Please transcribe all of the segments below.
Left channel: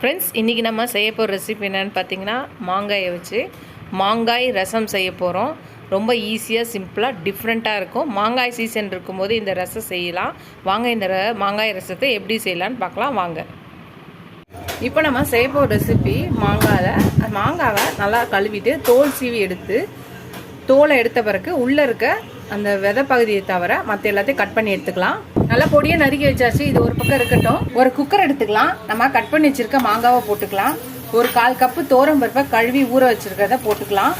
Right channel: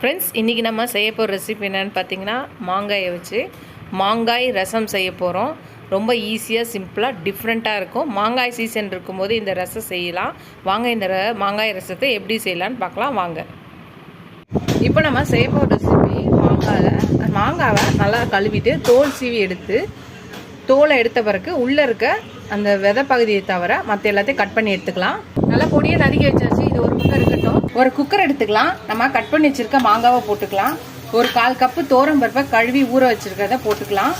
Friends, இன்றைக்கி நம்ம செய்ய போகிற ரெசிபி என்னென்னு பார்த்தீங்கன்னா, மாங்காயை வச்சு மாங்காய் ரசம் செய்ய போகிறோம். ரொம்ப ஈஸியாக, சிம்பிளாக, டிஃப்ரெண்ட்டாக இருக்கும். மாங்காய் சீசன் இருக்கும்போது இந்த ரசம் செய்யலாம். வாங்க இந்த மாங்காய் ரசத்தை எப்படி செய்யலான்னு பார்க்கலாம் வாங்க. இப்போ நம்ம செய்ய போகிற ரெசிபி மாங்காவை நல்லா கழுவிட்டு தோல் சீவி எடுத்து, தோலை எடுத்த பிறகு உள்ளே இருக்க அந்த விதை பகுதியை தவிர மற்ற எல்லாத்தையும் கட் பண்ணி எடுத்துக்கலாம். நல்லா பொடியை நறுக்கி வச்சாச்சு. இது ஒரு பக்கம் இருக்கட்டும். ஒரு குக்கர் எடுத்துக்கலாம். நம்ம கட் பண்ணி வச்சிருக்க மாங்காவை போட்டுக்கலாம். ஒரு 1/4 கப்பு தோரம் பருப்பை கழுவி ஊற வச்சிருக்கிறத போட்டுக்கலாம்.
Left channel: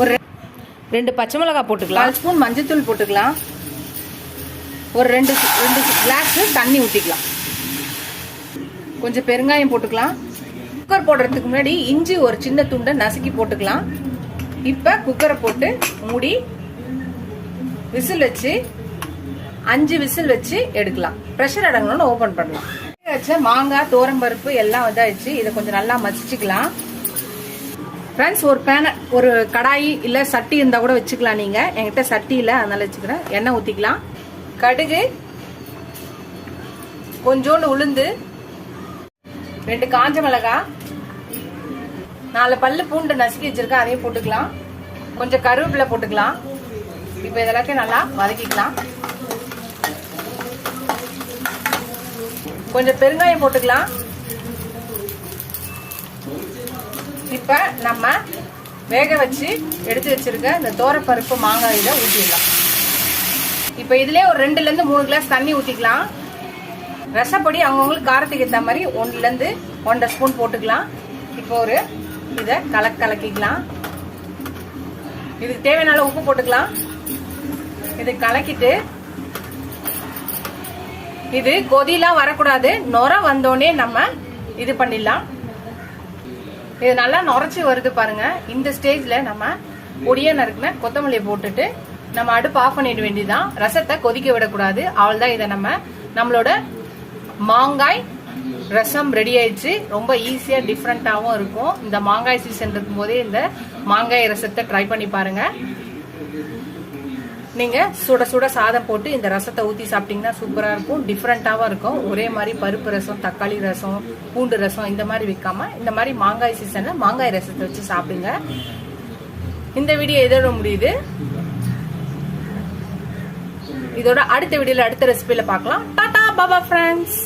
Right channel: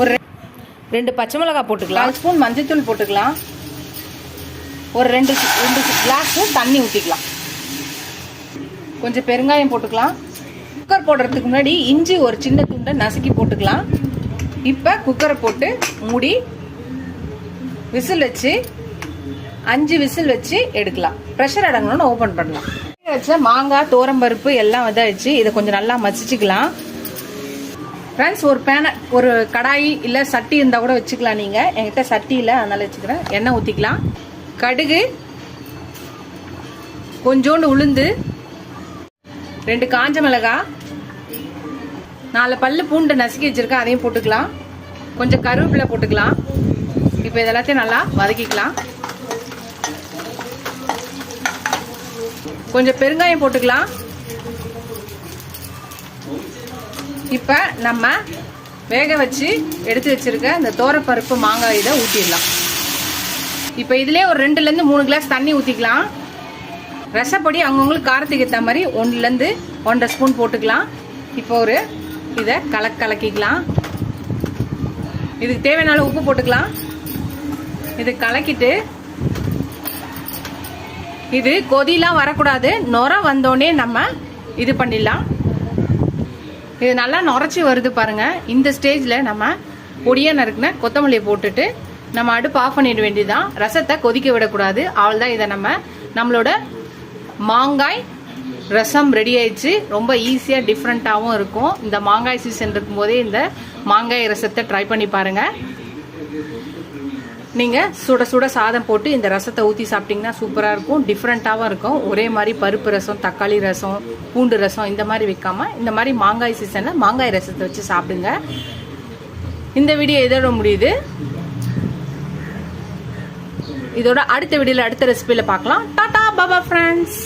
ஒரு 2 பச்சை மிளகாய் போட்டுக்கலாம். 1 ஸ்பூன் மஞ்சள்தூள் போட்டுக்கலாம். ஒரு 2 கிளாஸ் தண்ணி ஊற்றிக்கலாம். கொஞ்சம் பெருங்காயம் போட்டுக்கலாம். குக்கர் போடுறதுக்கு முன்னாடி இஞ்சி ஒரு சின்ன துண்டை நசுக்கி போட்டுக்கலாம். இப்போ குக்கரை போட்டு மூடி விசில் வச்சு 5 விசில் வச்சு எடுக்கலாம். ப்ரெஷர் அடங்கணும்னு ஓப்பன் பண்ணலாம். வச்ச மாங்காய், தோரம்பருப்பு எல்லாம் வச்சு இதை கொஞ்சம் நல்லா மசிச்சுக்கலாம். ஃப்ரெண்ட்ஸ், ஒரு கடாயி இல்லை சட்டி இருந்தால் கூட வச்சுக்கலாம். நீங்கள் என்கிட்ட சட்டி இல்லை, அதனால வச்சுக்கிறேன். எண்ணெய் ஊற்றிக்கலாம். கடுகு, கொஞ்சோண்டு உளுந்து, 2 காஞ்ச மிளகாய், 4 பல்லு பூண்டு நசுக்கி வச்சிருக்கேன், அதையும் போட்டுக்கலாம். கொஞ்சம் கருவேப்பிலை போட்டுக்கலாம். இப்போ இதெல்லாத்தையும் நல்லா வதக்கிக்கலாம். கொஞ்சம் பெருங்காயம் போட்டுக்கலாம். இப்ப நம்ம வேக வச்சு எடுத்து வச்சிருக்க இந்த தோரப்பருப்பு மாங்காய் இதை ஊற்றிடலாம். இப்போ இதுலேயே ஒரு 2ல இருந்து 3 கிளாஸ் தண்ணி ஊற்றிக்கலாம். ரசப்பொடி அவங்கவுங்களுக்கு காரத்துக்கு ஏற்ற மாதிரி 1ல இருந்து 1.5 ஸ்பூன் போட்டுக்கலாம். இப்போ இதை கலக்கிக்கலாம். இதுக்கு தேவையான அளவு உப்பு போட்டுக்கலாம். இது கலக்கிட்டு, இது கொதிலாம் வரக்கூடாது. நுர வந்தோடனே நம்ம இது பண்ணிடலாம். இது நல்லா நுரைச்சி வருது பாருங்க. இந்த ஸ்டேஜ்ல நம்ம பொடியா நறுக்குன கொத்தமல்லியை போட்டுட்டு நம்ம அடுப்பு ஆஃப் பண்ணிட வேண்டியதுதான். ரசத்தை கொதிக்க விடக்கூடாது. அவ்வளவுதான். இதை நம்மளோட மாங்காய் ரசம் ரெடி ஆயிடுச்சு. ரொம்ப ஈஸியா டிஃப்ரெண்டாவும் இருக்கும். இந்த மாங்காய் சீசன் இருக்கும் போதே இந்த மாங்காய் ரசத்தை ட்ரை பண்ணி பாருங்க. நீங்க சுட சுட சாதம் போட்டு இந்த ரசத்தை ஊற்றி சாப்பிட்டீங்கன்னா சூப்பரா இருக்கும். டிஃப்ரெண்டாவும் இருக்கும். ஒரே மாதிரி பருப்பு ரசம், தக்காளி ரசம், பூண்டு ரசம் இந்த மாதிரி வைக்காம இந்த மாதிரி மாங்காய் சீசன்ல மாங்காய் ரசத்தை வச்சு சாப்பிடுங்க. இந்த வீடியோ இதோட முடியுது. இதோட அடுத்த வீடியோல அடுத்த ரெசிபியில பார்க்கலாம். டாடா பாபா ஃப்ரெண்ட்ஸ்.